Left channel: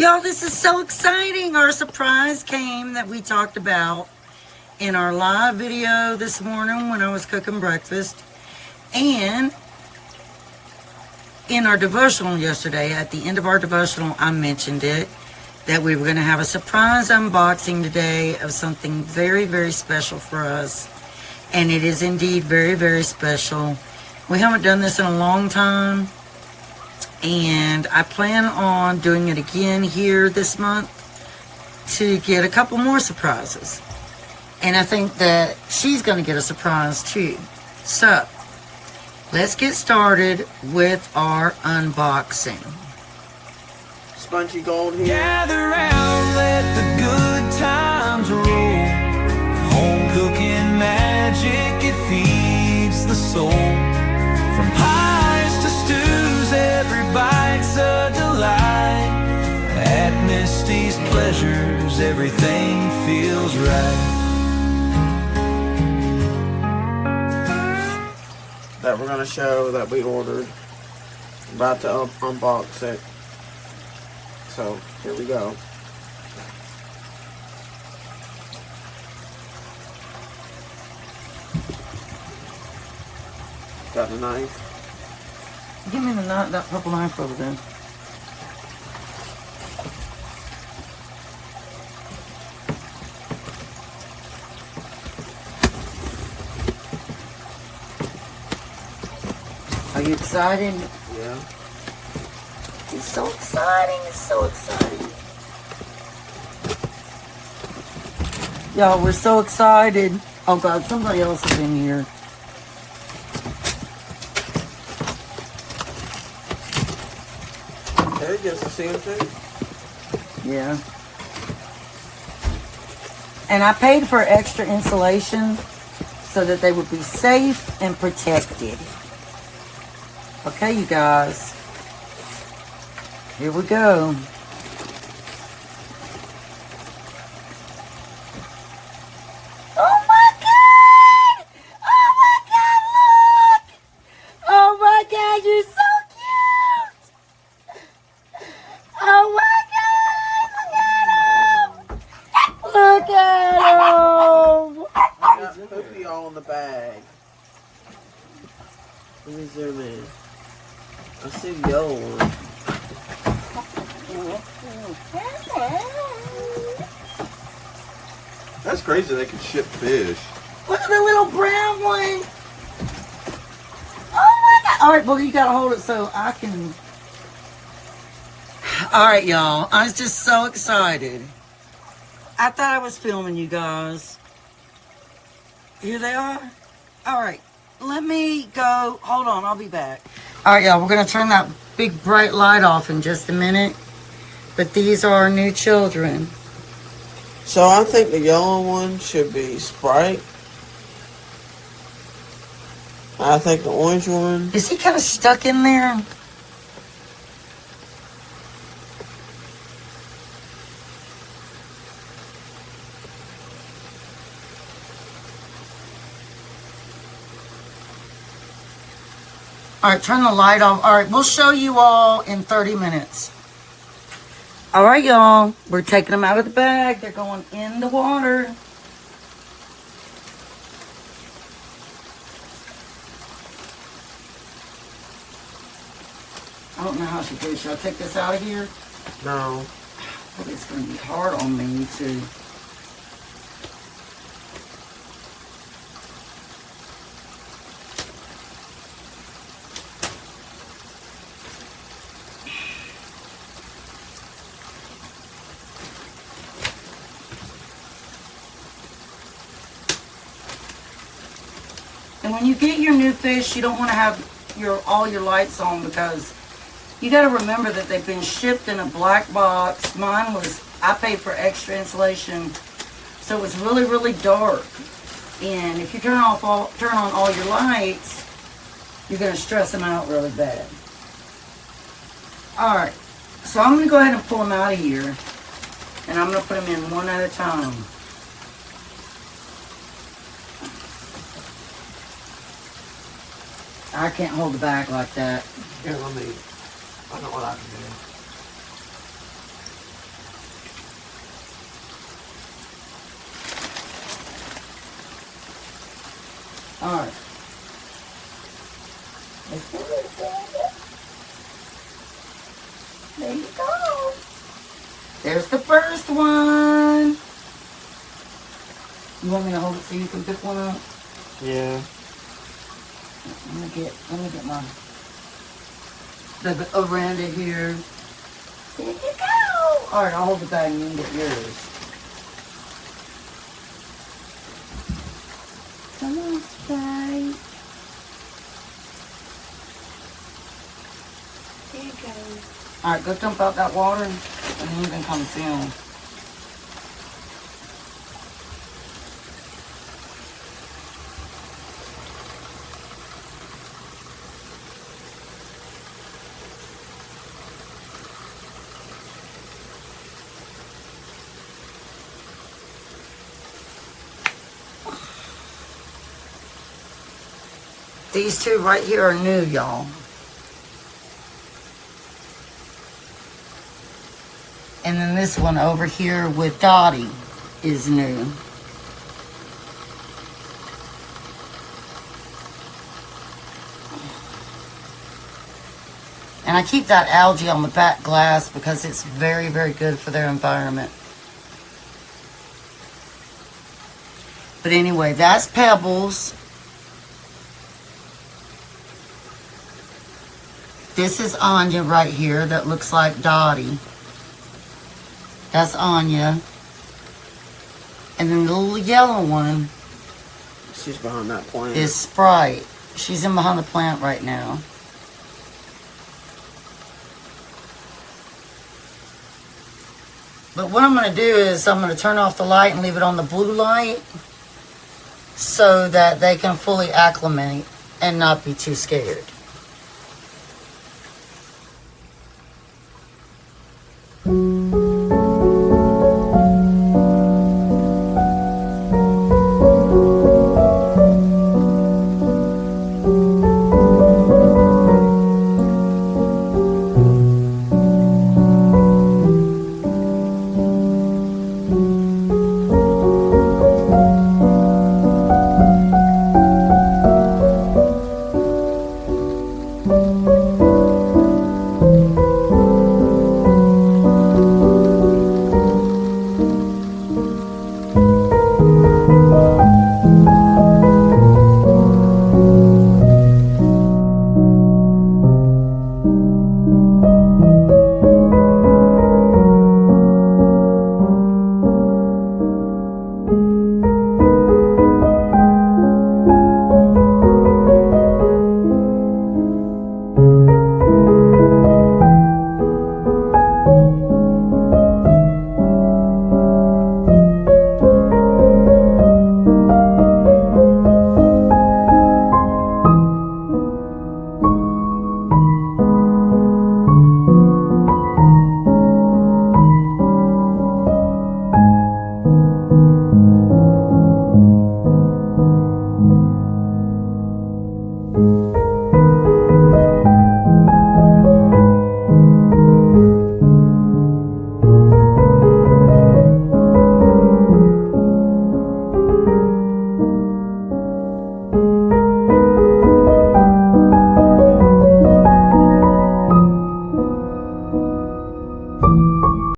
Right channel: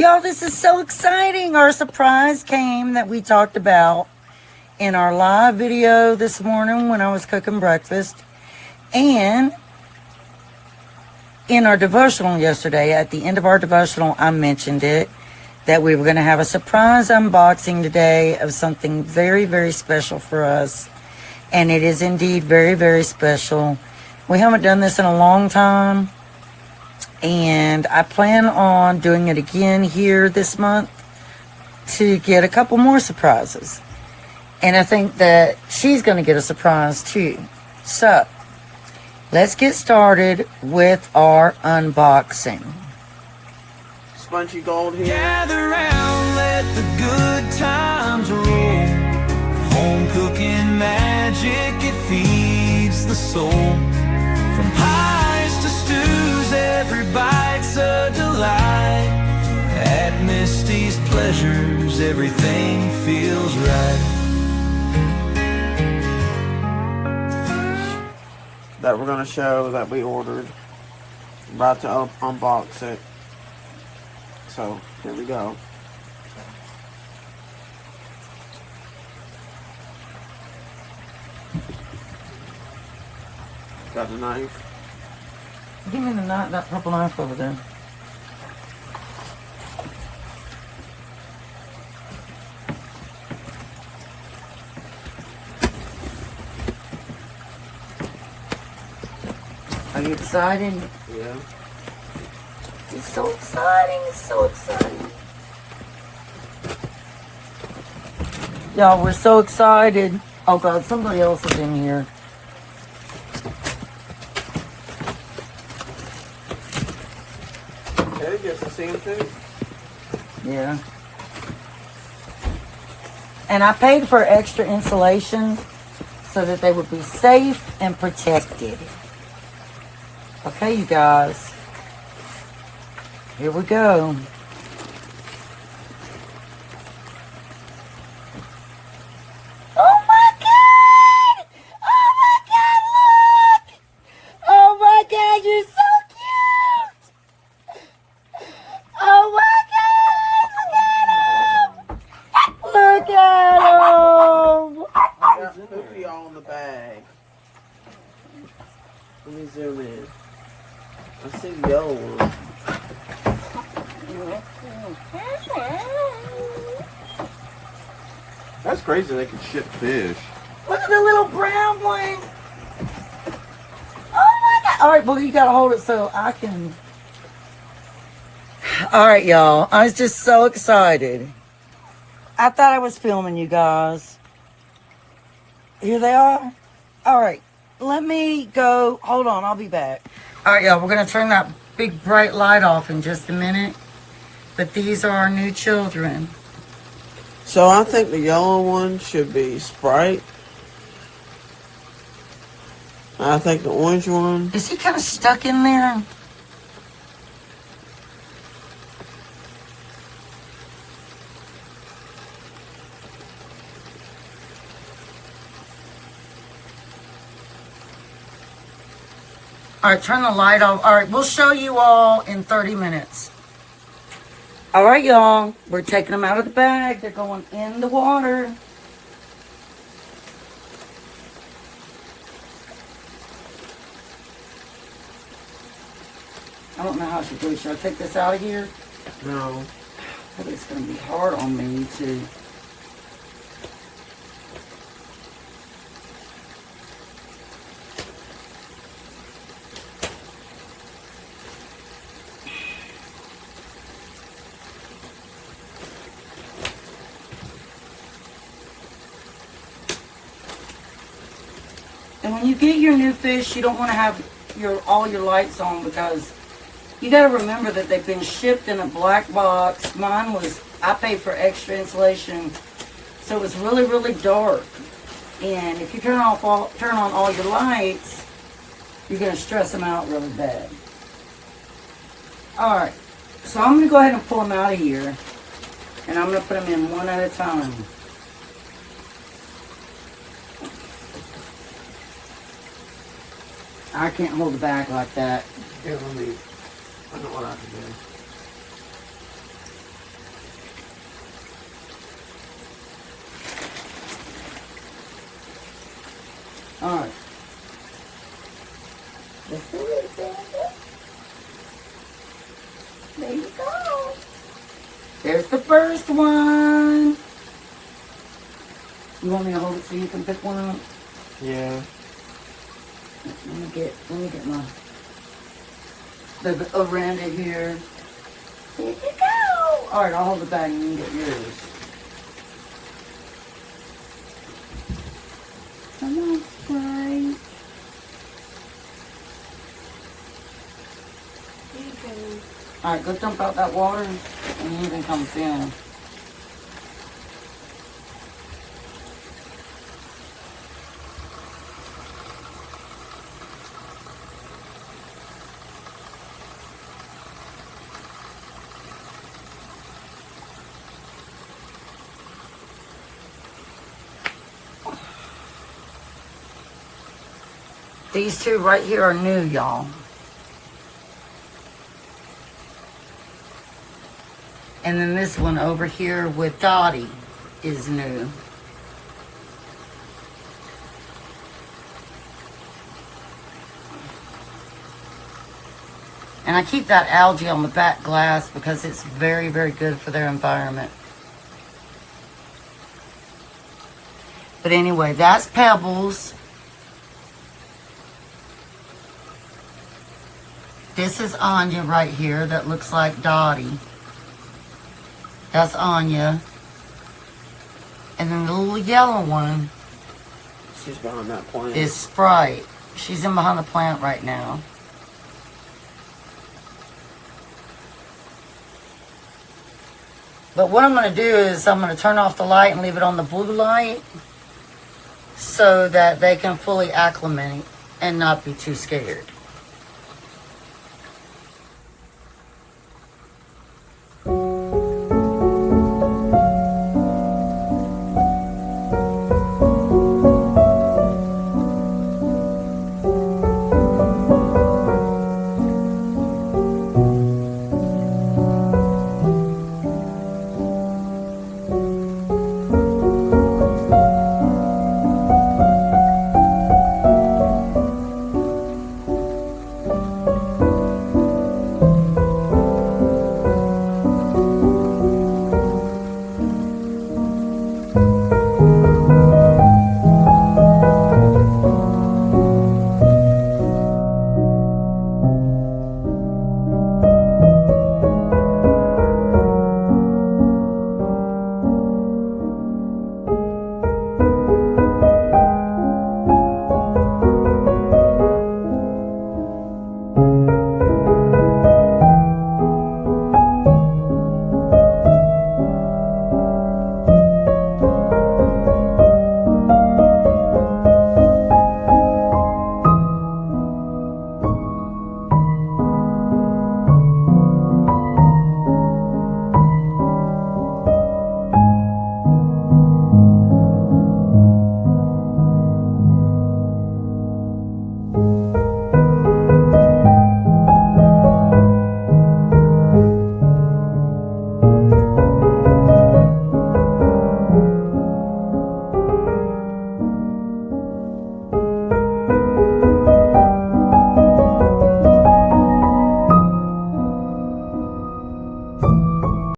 Y'all, this is so exciting. Our surprise came that we talked about in our live video this morning when I was cooking breakfast. And in our devotional yesterday, at the end of our devotional, I mentioned it, that we were going to have a surprise unboxing today of something very, very special for us. And it is indeed very, very special. We haven't done this in a long time. And I plan on doing it again here this month to get a couple more surprises. And I think that she's going to get a surprise too. So, let's get started with our unboxing. Spongy gold here. Gather round, let the good times roll. Home cooking magic, it feeds the soul. From pies to stews, every bite's a delight. At Misty's Pleasures, everything feels right. That we're going to show that we ordered. About to unbox it. So, here we go. Got the knife. Give me the knife, that purple knife over there. Are you excited? Yeah. It's so exciting. It's so exciting. Y'all, we're so excited. Oh, God, somebody else is in here. There it gets the same thing. Yeah. And I paid for extra insulation so that they would be safe and protected. Okay, you guys. Here we go. Oh my God! Oh my God, look! Oh my God, you're so cute! Oh my God! Look at him! Look at him! Got Poopy all in the bag. Let me zoom in. I see the yellow one. That's crazy they can ship fish. Look at the little brown one. Oh my God. All right, Boogie, you got to hold it so I can. All right, y'all. I was just so excited. I thought I was filming you guys. Here they are. All right. Let me go. Hold on. I'll be back. All right, y'all. We're going to turn that big bright light off in just a minute. But these are our new children. So I think the yellow one should be Sprite. I think the orange one. Is he kind of stuck in there? All right, turn the light off. All right, we'll show you all in 30 minutes. All right, y'all. We're taking them out of the bag. They're going in the water. I don't know how I should do it. Should I take this out of here? No. But it's going to be hard on me to... And when you get your new fish, you don't want to have all your lights on because you got to remember that they've been shipped in a black box. Mine was, I paid for extra insulation, so it was really, really dark. And if you turn on all your lights, you're going to stress them out really bad. All right, so I'm going to go ahead and pull them out of here, and I'm going to put them in one at a time. I can't hold the bag like that. Here, let me. I know what I can do. There's the first one. You want me to hold it so you can pick one up? Yeah. Let me get my the around it here. Here you go. All right, I'll hold the bag and you can get yours. Come on, Sprite. There you go. All right, go dump out that water, and you can come soon. These two right here are new, y'all. And then this one over here with Dottie is new. And I keep that algae on the back glass because it's very, very good for their environment. But anyway, that's Pebbles. This is Anya right here that looks like Dottie. That's Anya. And then the little yellow one She's behind that plant. is Sprite. She's in behind the plant right now. But what I'm going to do is I'm going to turn off the light and leave it on the blue light so that they can fully acclimate and not be too scared.